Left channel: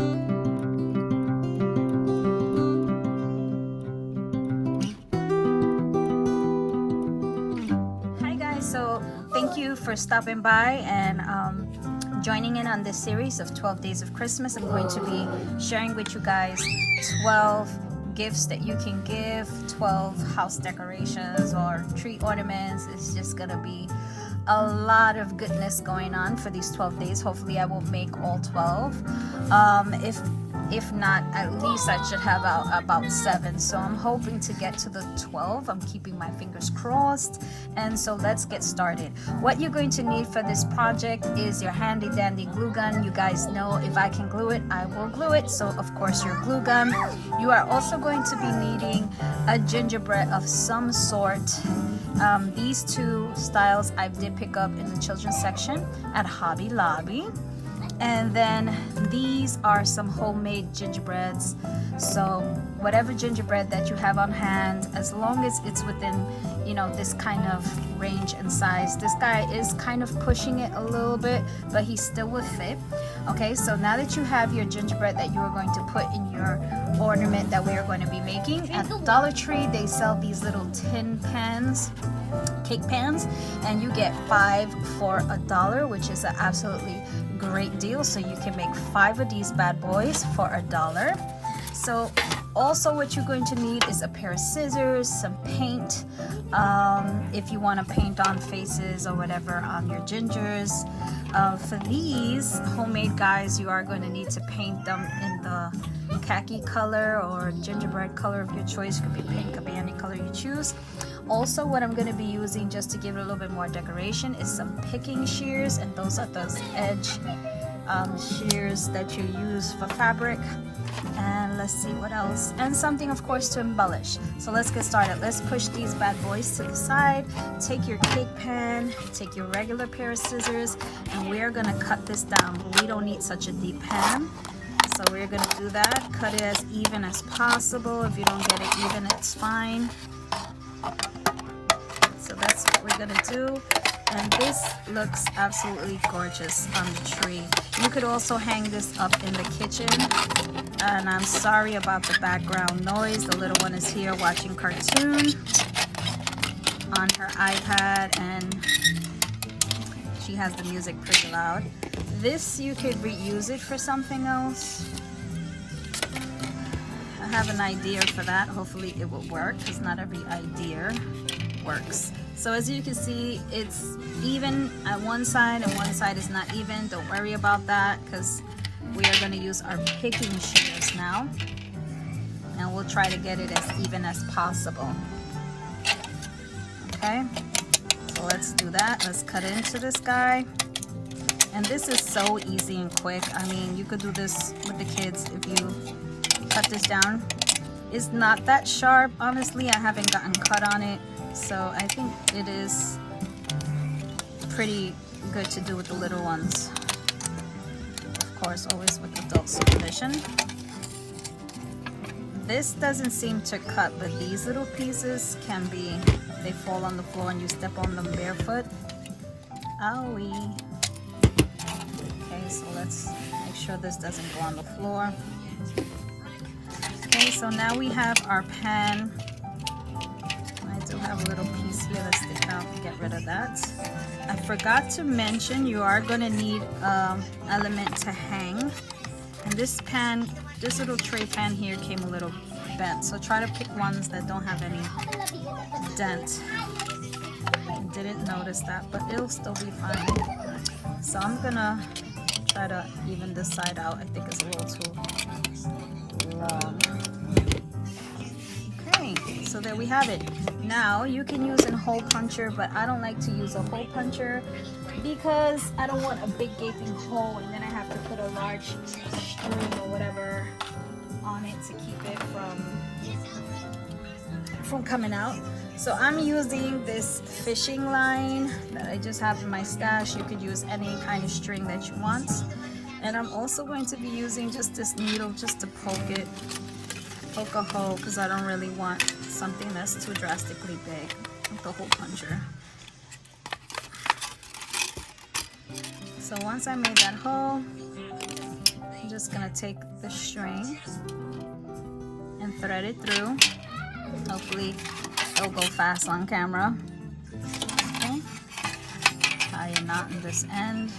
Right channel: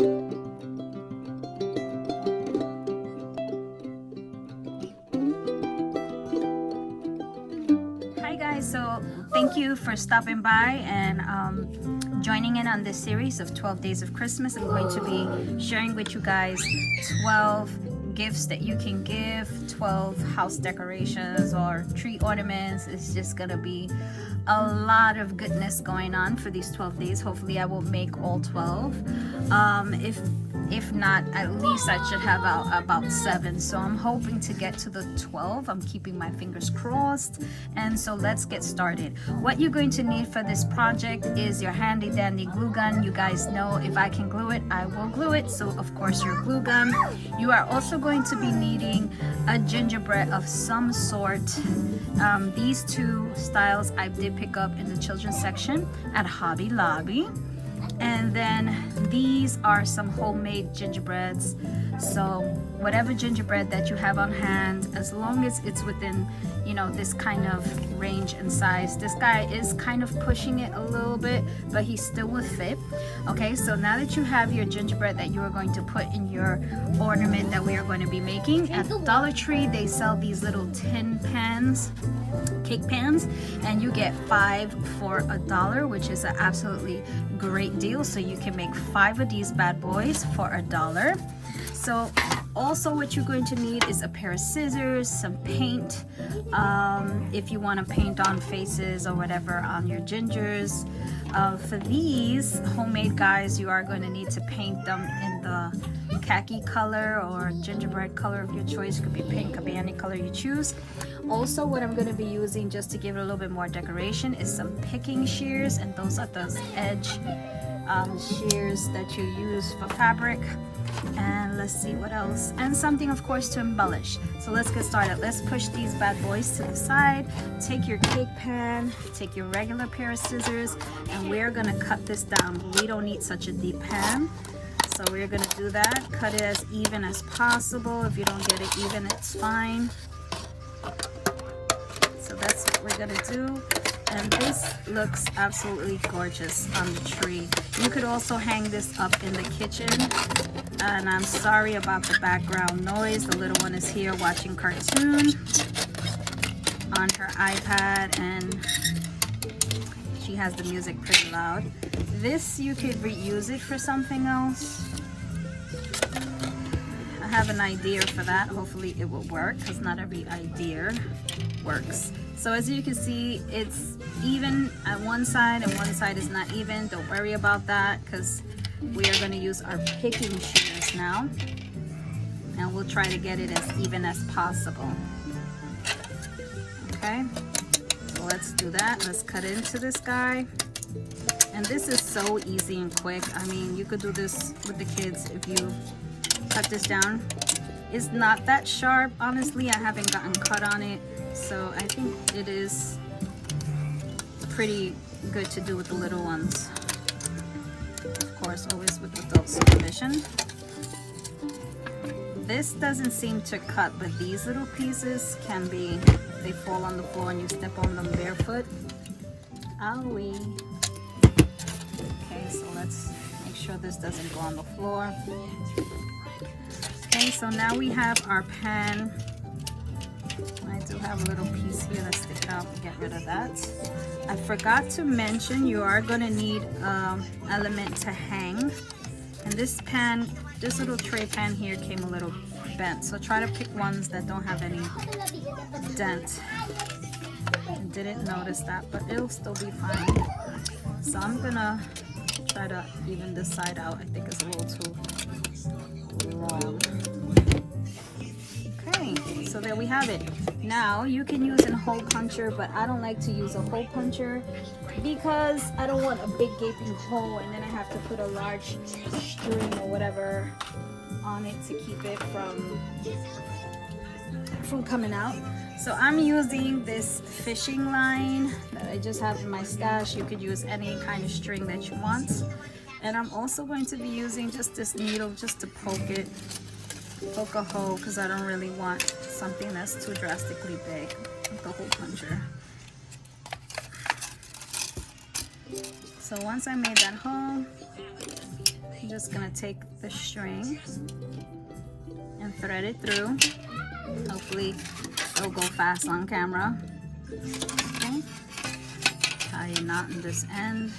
Hi guys, so thank you for stopping by and joining in on this series of 12 Days of Christmas. I'm going to be sharing with you guys 12 gifts that you can give, 12 house decorations or tree ornaments. It's just gonna be a lot of goodness going on for these 12 days. Hopefully I will make all 12. If not, at least I should have about 7. So I'm hoping to get to the 12. I'm keeping my fingers crossed. And so let's get started. What you're going to need for this project is your handy dandy glue gun. You guys know if I can glue it, I will glue it. So of course your glue gun. You are also going to be needing a gingerbread of some sort. These two styles I did pick up in the children's section at Hobby Lobby. And then these are some homemade gingerbreads. So whatever gingerbread that you have on hand, as long as it's within, you know, this kind of range and size. This guy is kind of pushing it a little bit, but he still will fit. Okay, so now that you have your gingerbread that you are going to put in your ornament that we are going to be making, at Dollar Tree they sell these little tin pans, cake pans, and you get 5 for $1, which is an absolutely great deal. So you can make 5 of these bad boys for $1. So also what you're going to need is a pair of scissors, some paint, if you want to paint on faces or whatever on your gingers. For these homemade guys, you are going to need to paint them in the khaki color or gingerbread color of your choice. It could be pink, could be any color you choose. Also, what I'm going to be using just to give it a little bit more decoration is some picking shears, and those are those edge shears that you use for fabric. And let's see what else, and something of course to embellish. So let's get started. Let's push these bad boys to the side. Take your cake pan, take your regular pair of scissors, and we're gonna cut this down. We don't need such a deep pan, so we're gonna do that. Cut it as even as possible. If you don't get it even, it's fine. So that's what we're gonna do. And this looks absolutely gorgeous on the tree. You could also hang this up in the kitchen. And I'm sorry about the background noise. The little one is here watching cartoon on her iPad, and she has the music pretty loud. This, you could reuse it for something else. I have an idea for that. Hopefully it will work, because not every idea works. So as you can see, it's even at one side and one side is not even. Don't worry about that, because we are going to use our picking shears now, and we'll try to get it as even as possible. Okay, so let's do that. Let's cut into this guy. And this is so easy and quick. I mean, you could do this with the kids if you cut this down. It's not that sharp, honestly. I haven't gotten cut on it, so I think it is pretty good to do with the little ones. Of course, always with adult supervision. This doesn't seem to cut, but these little pieces can be, they fall on the floor and you step on them barefoot. Owie. Okay, so let's make sure this doesn't go on the floor. Okay, so now we have our pan. I do have a little piece here that stick out. Get rid of that. I forgot to mention you are going to need an element to hang. And this pan, this little tray pan here came a little bent. So try to pick ones that don't have any dent. I didn't notice that, but it'll still be fine. So I'm going to try to even this side out. I think it's a little too long. Okay, so there we have it. Now you can use a hole puncher, but I don't like to use a hole puncher because I don't want a big gaping hole and then I have to put a large string or whatever on it to keep it from coming out. So I'm using this fishing line that I just have in my stash. You could use any kind of string that you want. And I'm also going to be using just this needle just to poke a hole, because I don't really want something that's too drastically big with the hole puncher. So once I made that hole, I'm just just gonna take the string and thread it through. Hopefully it'll go fast on camera. Okay. Tie a knot in this end.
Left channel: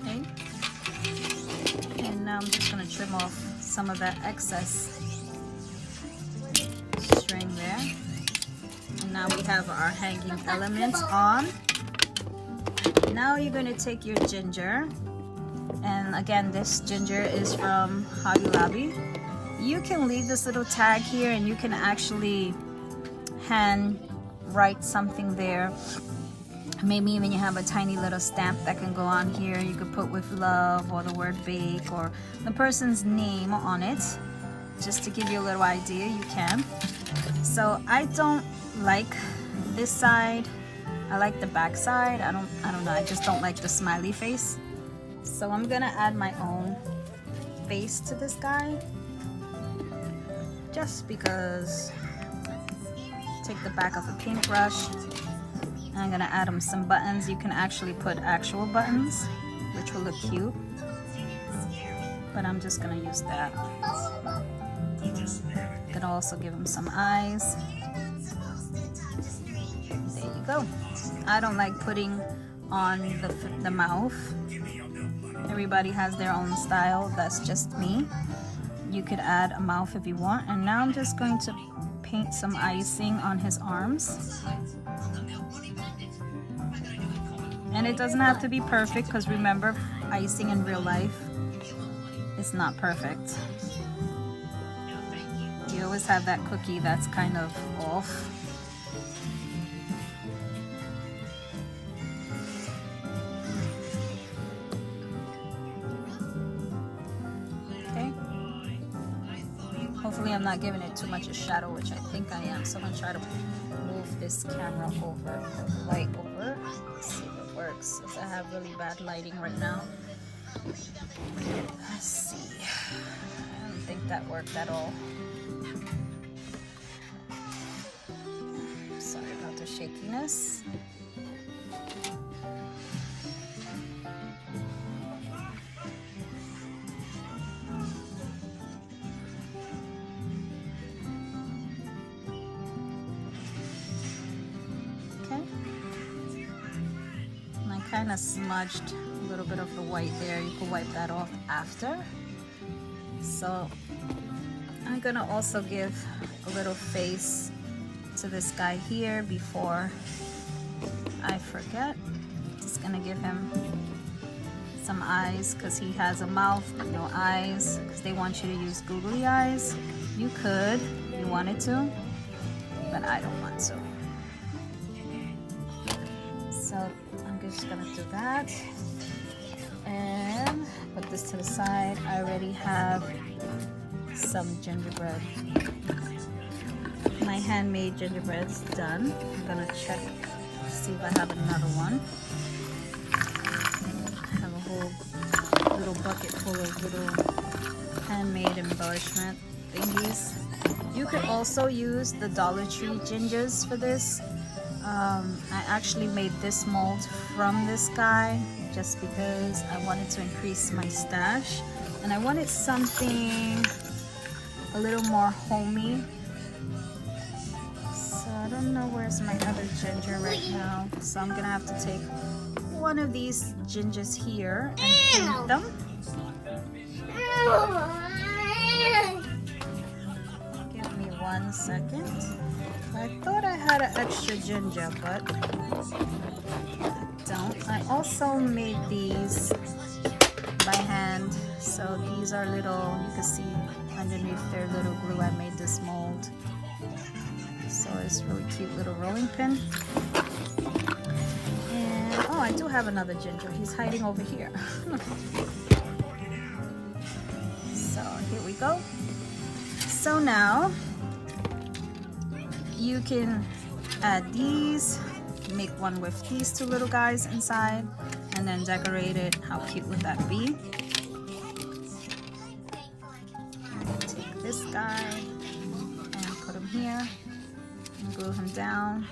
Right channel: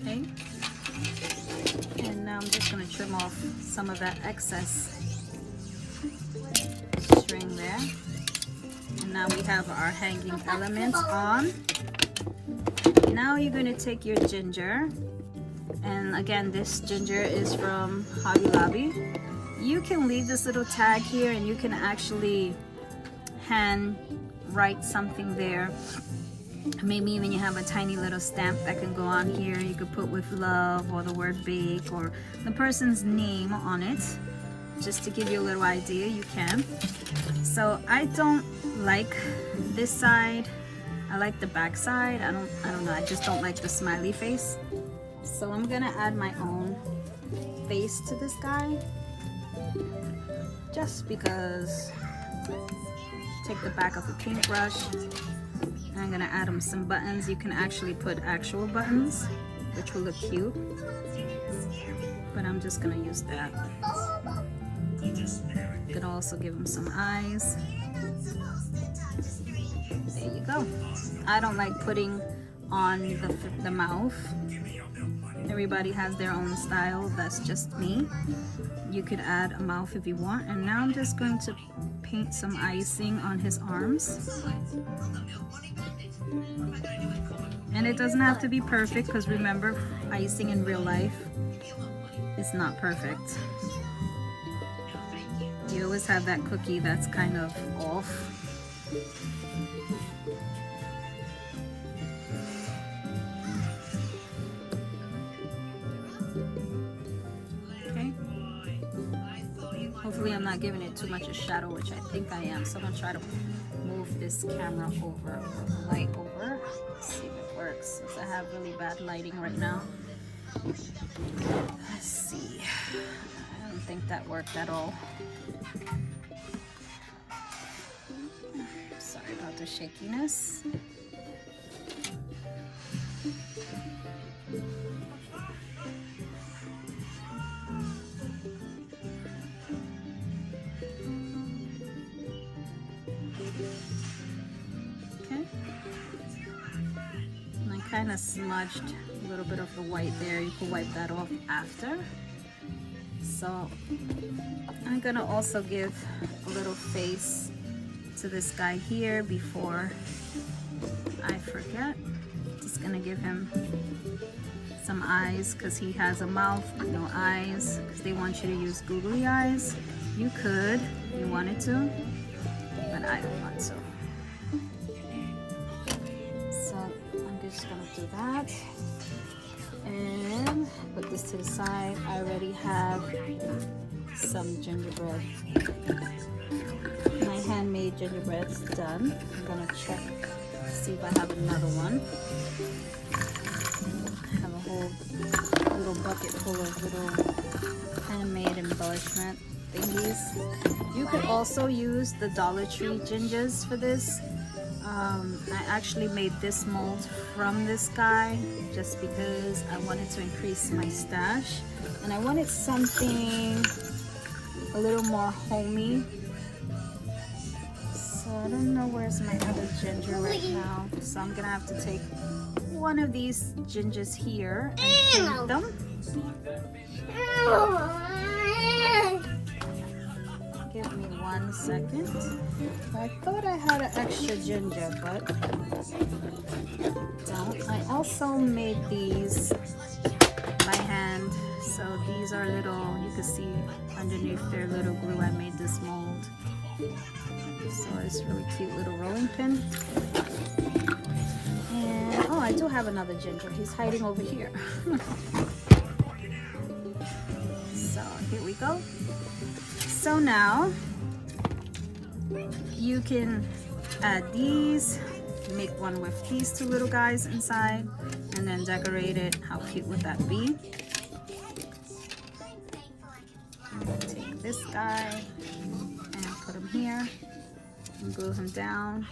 Okay. And now I'm just gonna trim off some of that excess string there. And now we have our hanging elements on. Now you're going to take your ginger, and again this ginger is from Hobby Lobby. You can leave this little tag here and you can actually hand write something there. Maybe even you have a tiny little stamp that can go on here. You could put with love or the word bake or the person's name on it. Just to give you a little idea, you can. So I don't like this side. I like the back side. I don't know, I just don't like the smiley face. So I'm gonna add my own face to this guy. Just because. Take the back of the paintbrush. And I'm gonna add him some buttons. You can actually put actual buttons, which will look cute. But I'm just gonna use that. Could also give him some eyes. There you go. I don't like putting on the mouth. Everybody has their own style. That's just me. You could add a mouth if you want. And now I'm just going to paint some icing on his arms. And it doesn't have to be perfect, because remember, icing in real life is not perfect. You always have that cookie that's kind of off. Okay. Hopefully I'm not giving it too much a shadow, which I think I am. So I'm gonna try to move this camera over, or the light over. Let's see if it works, since I have really bad lighting right now. Let's see. I don't think that worked at all. Sorry about the shakiness. Okay. And I kind of smudged a little bit of the white there. You can wipe that off after. So I'm gonna also give a little face to this guy here before I forget. Just gonna give him some eyes, because he has a mouth but no eyes, because they want you to use googly eyes. You could if you wanted to, but I don't want to. So I'm just gonna do that and put this to the side. I already have some gingerbread. My handmade gingerbread's done. I'm gonna check, see if I have another one. I have a whole little bucket full of little handmade embellishment thingies. You could also use the Dollar Tree gingers for this. I actually made this mold from this guy just because I wanted to increase my stash, and I wanted something a little more homey. So I don't know where's my other ginger right now. So I'm gonna have to take one of these gingers here and paint them. Give me 1 second. I thought I had an extra ginger, but I don't. I also made these by hand. So these are little, you can see underneath their little glue, I made this mold. So it's really cute little rolling pin. And, oh, I do have another ginger. He's hiding over here. So here we go. So now you can add these, make one with these two little guys inside, and then decorate it. How cute would that be? Take this guy and put him here, Glue him down.